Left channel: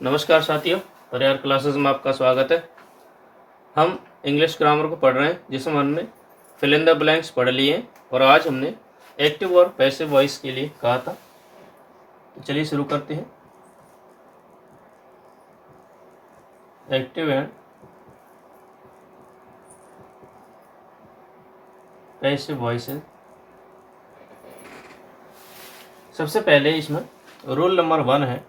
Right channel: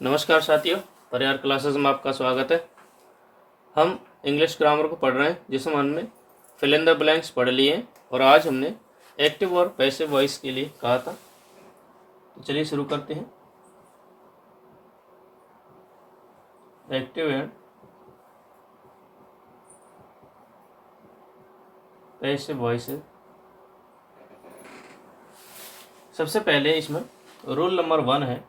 नमस्कार साथियों, परिहार क्लासेस में आपका स्वागत है। हम इंग्लिश ग्रामर को पढ़ रहे हैं जिसमें हमने फिल इन द ब्लैंक्स पढ़ लिए हैं और आज हमने एक्टिव और पैसिव वॉइस के लिए कहा था। तो चलिए शुरू करते हैं। Active and passive voices. सबसे पहले इसमें रूल नंबर 1 है।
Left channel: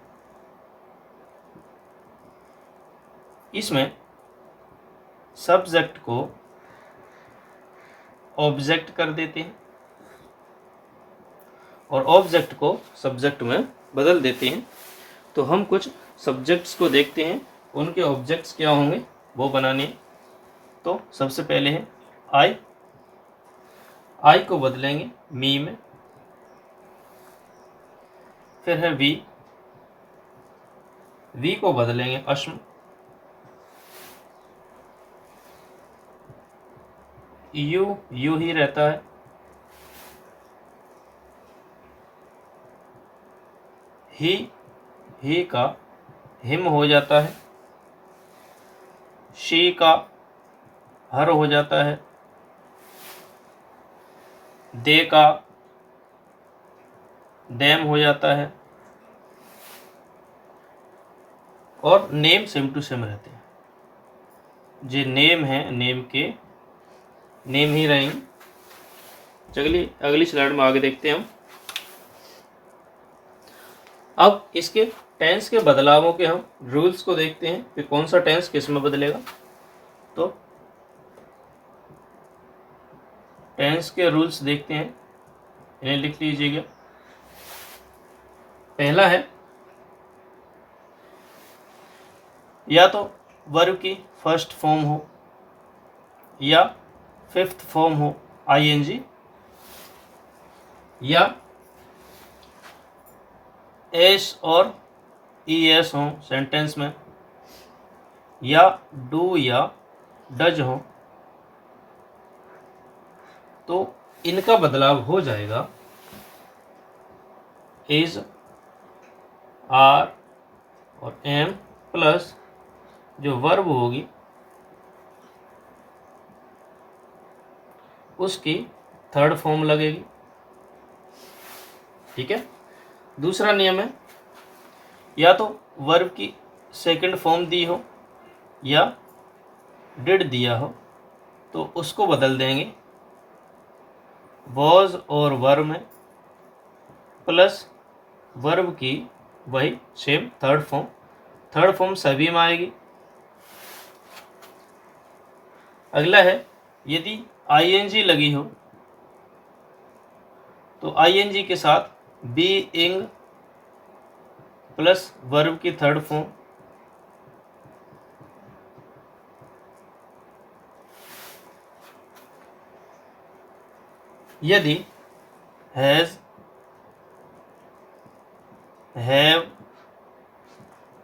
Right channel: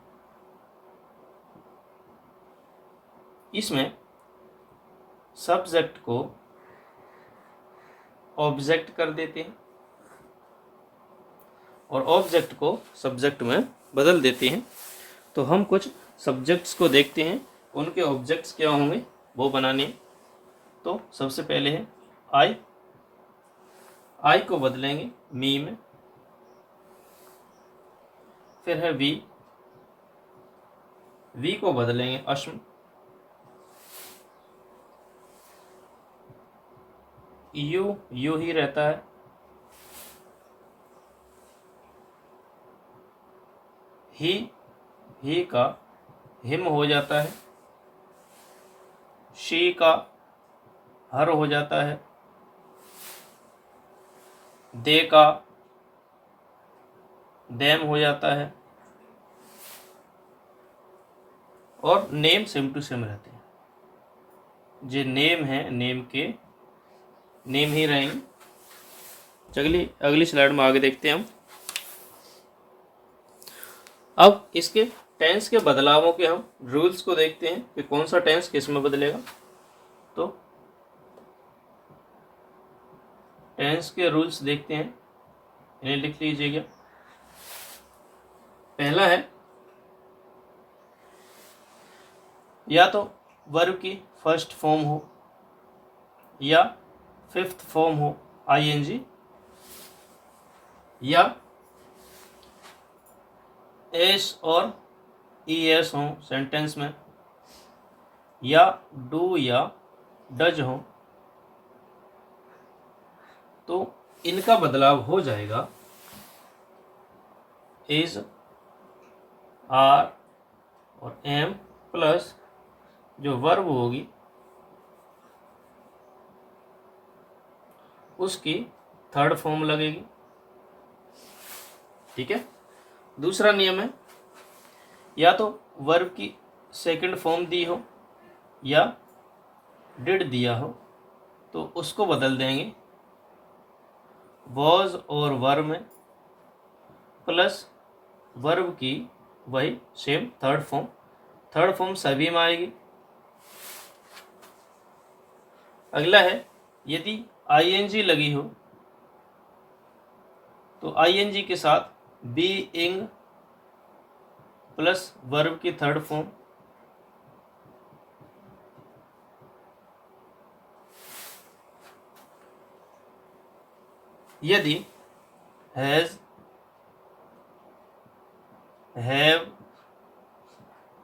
इसमें सब्जेक्ट को ऑब्जेक्ट कर देते हैं और ऑब्जेक्ट को सब्जेक्ट में बदल देते हैं। तो हम कुछ सब्जेक्ट्स को देखते हैं, उनके ऑब्जेक्ट्स क्या होंगे वो बनाने हैं। तो सबसे पहले है आई को बदलेंगे मी में। फिर है वी को बदलेंगे अश में। यू ही रहता है। ही का हिम हो जाता है। शी का हर हो जाता है। दे का देम हो जाता है। और नेम सेम टू सेम रहते हैं। जो नेम है नेम के नेम ही रहेंगे। चलिए अगली स्लाइड में आगे देखते हैं हम। अब इसके टेंस के बदलावों के हम रूल्स को देखते हैं कि कौन सा टेंस किस में बदलेगा। तो टेंस के रूल्स देखते हैं, इन्हें लिख लीजिएगा। पहला है या तो वर्ब की फर्स्ट फॉर्म हो या फिफ्थ फॉर्म हो आईएनजी, या एस और ईएस हो सेंटेंस में, या डू या डज हो। तो इनका बदलाव हो जाएगा इज, आर और एम प्लस जो वर्ब होगी उसकी थर्ड फॉर्म लगेगी। ठीक है। दूसरा नियम है या तो वर्ब की सेकंड फॉर्म दी हो या डिड दिया हो तो उसको बदल देंगे वॉज और वर में, प्लस वर्ब की वही सेम थर्ड फॉर्म सभी में आएगी। अगला है यदि आईएनजी लगी हो तो आईएनजी के साथ बीइंग प्लस वर्ब की थर्ड फॉर्म, यदि हैज, हैव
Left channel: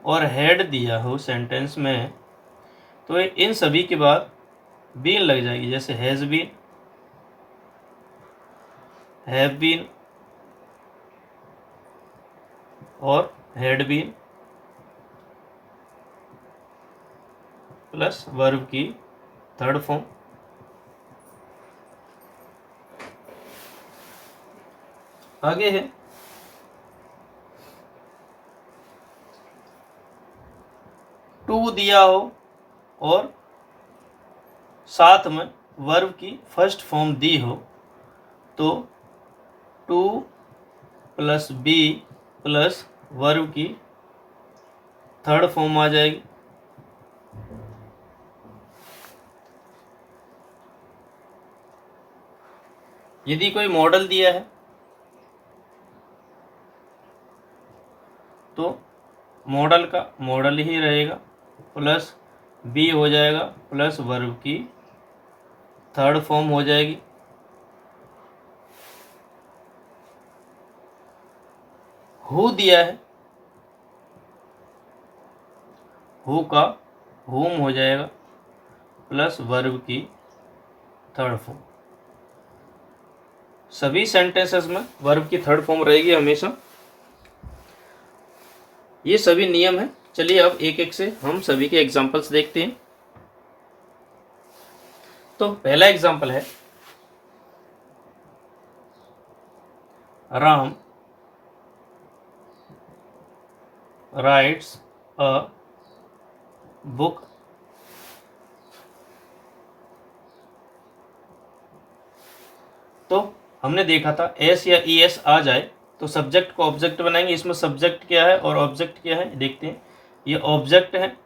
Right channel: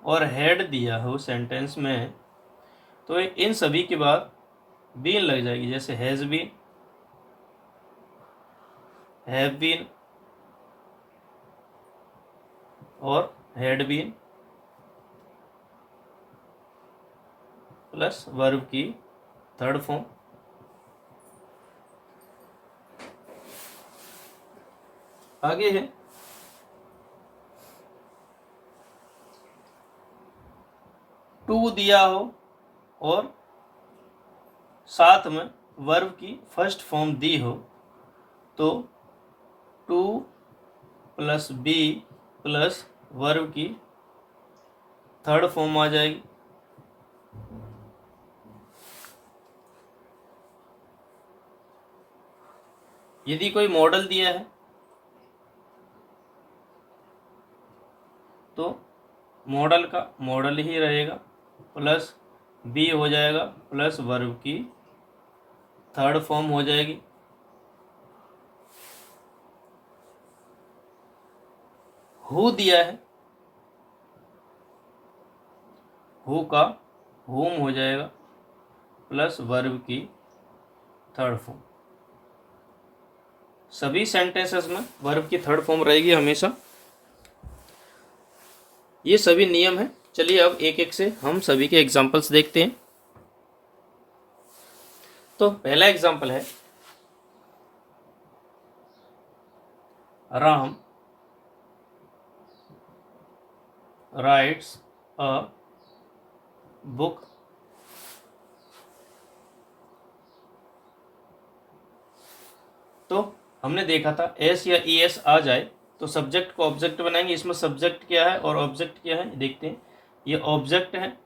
और हैड दिया हो सेंटेंस में तो इन सभी के बाद बीन लग जाएगी। जैसे हैज बीन, हैव बीन और हैड बीन प्लस वर्ब की थर्ड फॉर्म। आगे है टू दिया हो और साथ में वर्ब की फर्स्ट फॉर्म दी हो तो to plus be plus verb की थर्ड फॉर्म आ जाएगी। यदि कोई मॉडल दिया है तो मॉडल का मॉडल ही रहेगा, प्लस बी हो जाएगा प्लस वर्ब की थर्ड फॉर्म हो जाएगी। हु दिया है, हु का हुम हो जाएगा प्लस वर्ब की थर्ड फॉर्म। सभी सेंटेंसेस में वर्ब की थर्ड फॉर्म रहेगी हमेशा। ये सभी नियम हैं, चलिए अब एक एक से हम सभी के एग्जाम्पल्स देखते हैं। तो पहला एग्जाम्पल है, राम राइट्स अ बुक तो हमने देखा था एस या ई एस आ जाए तो सब्जेक्ट को ऑब्जेक्ट बनाएंगे। इसमें सब्जेक्ट क्या है और ऑब्जेक्ट क्या है देखते हैं। ये ऑब्जेक्ट है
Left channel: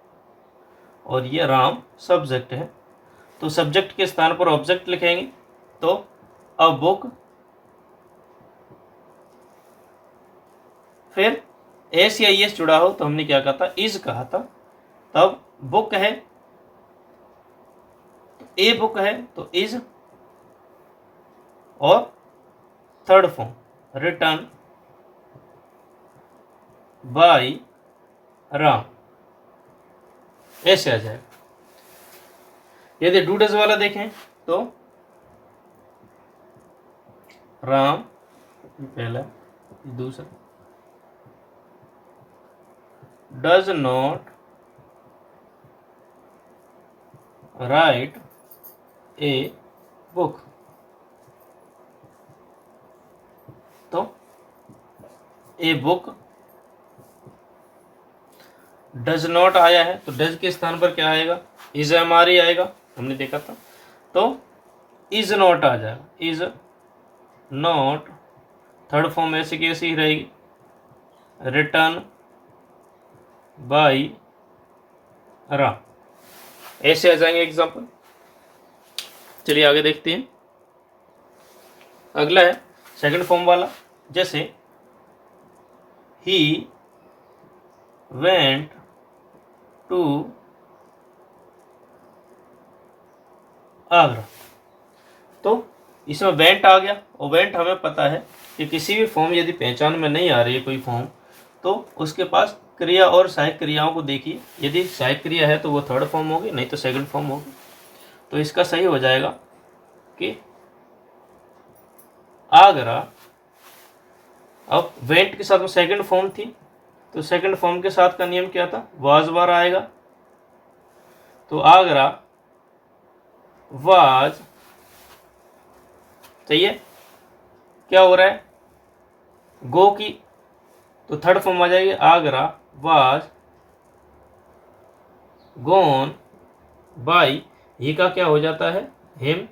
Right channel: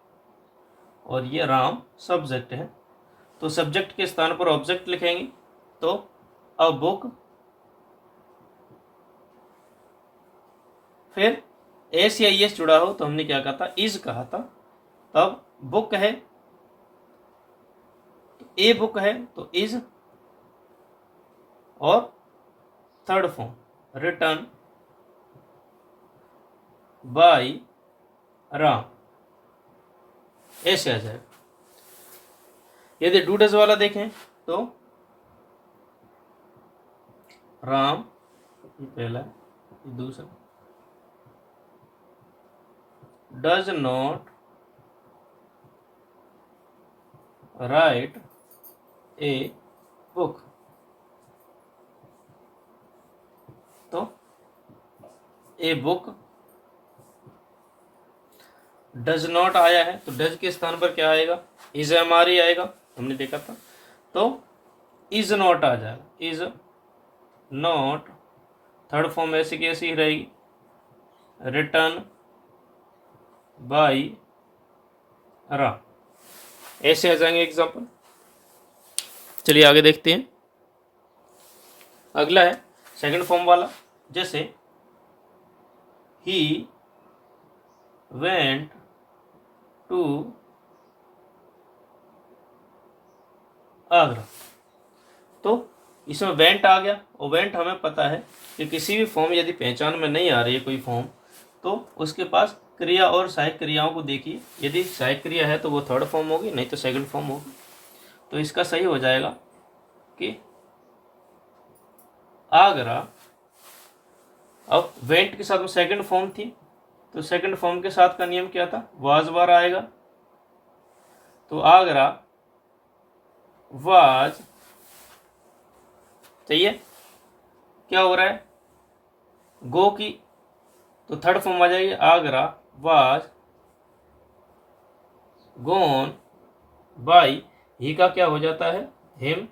और ये राम सब्जेक्ट है। तो सब्जेक्ट के स्थान पर ऑब्जेक्ट लिखेंगे तो अ बुक, फिर एस या ई एस जुड़ा हो तो हमने क्या कहा था, इज कहा था। तब बुक है तो ए बुक है तो इज, और third form written by Ram, ऐसे आ जाएगा। यदि डू डज वाला देखें तो राम पहला, दूसरा does not right a book. तो ए बुक डज नॉट आया है तो डज के स्थान पर क्या आएगा, इज एम आर ई आएगा, हमने देखा था। तो इज नॉट आ जाएगा, इज नॉट, थर्ड फॉर्म ऐसे की ऐसी ही रहेगी, रिटर्न बाय राम, ऐसे आ जाएंगे एग्जाम्पल। चलिए आगे देखते हैं। अगला है सेकंड फॉर्म वाला, जैसे ही वेंट टू आगरा। तो इसमें वेंट आ गया, और वेंट हमें पता है कि किसी भी फॉर्म यदि पहचान में नहीं आ रही है कोई फॉर्म तो उसके पास क्रिया और सहायक क्रियाओं को देखिए। यदि सहायक क्रिया है तो वो थर्ड फॉर्म होगी, नहीं तो सेकंड फॉर्म होगी। तो इसका सही हो जाएगा कि आगरा। अब वेंट के साथ में सेकंड फॉर्म थी तो सेकंड फॉर्म के साथ का नियम क्या था, वाज बार आएगा। तो आगरा वाज, चाहिए क्या हो रहा है, गो की, तो थर्ड फॉर्म आ जाएगी, आगरा वाज गोन बाय, ही का क्या हो जाता है, हिम।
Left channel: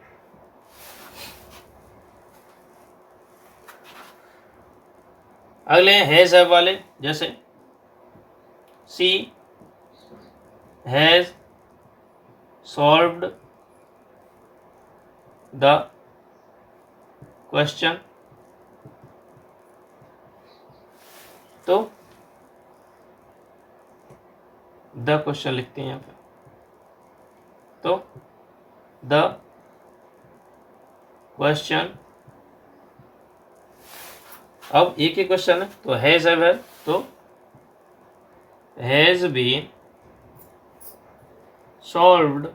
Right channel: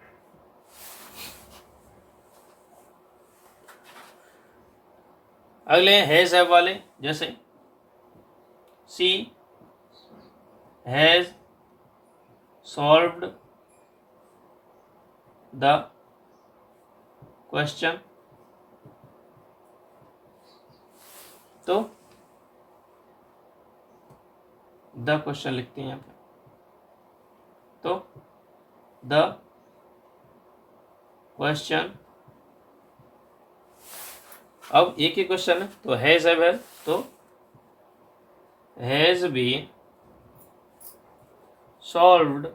अगले हैं हैज हैव वाले, जैसे सी हैज सॉल्व्ड द क्वेश्चन। तो द क्वेश्चन लिखते हैं यहाँ पे, तो द क्वेश्चन, अब एक ही क्वेश्चन है तो हैज हैव है, तो has been solved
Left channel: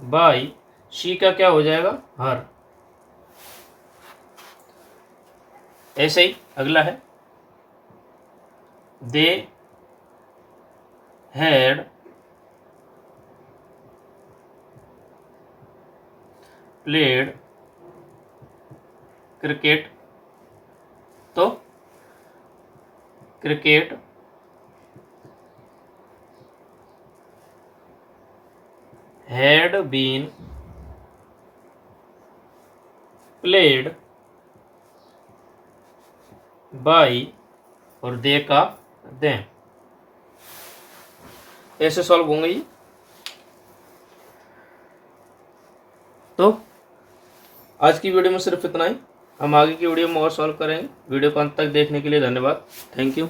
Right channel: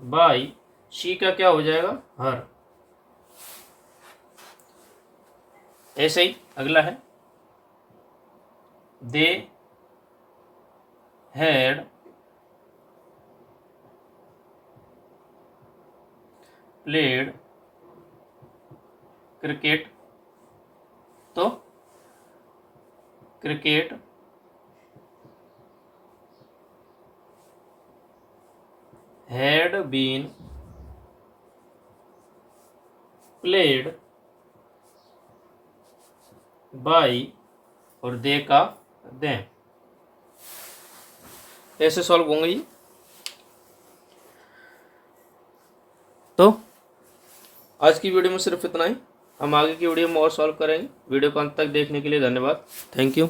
by, she का क्या हो जाएगा, हर। ऐसे ही अगला है, दे हैड प्लेड क्रिकेट। तो cricket had been played by, और दे का दें, ऐसे सॉल्व होंगे ये। तो आज की वीडियो में सिर्फ इतना ही। हम आगे की वीडियो में और सॉल्व करेंगे। वीडियो को अंत तक देखने के लिए धन्यवाद। Thank you.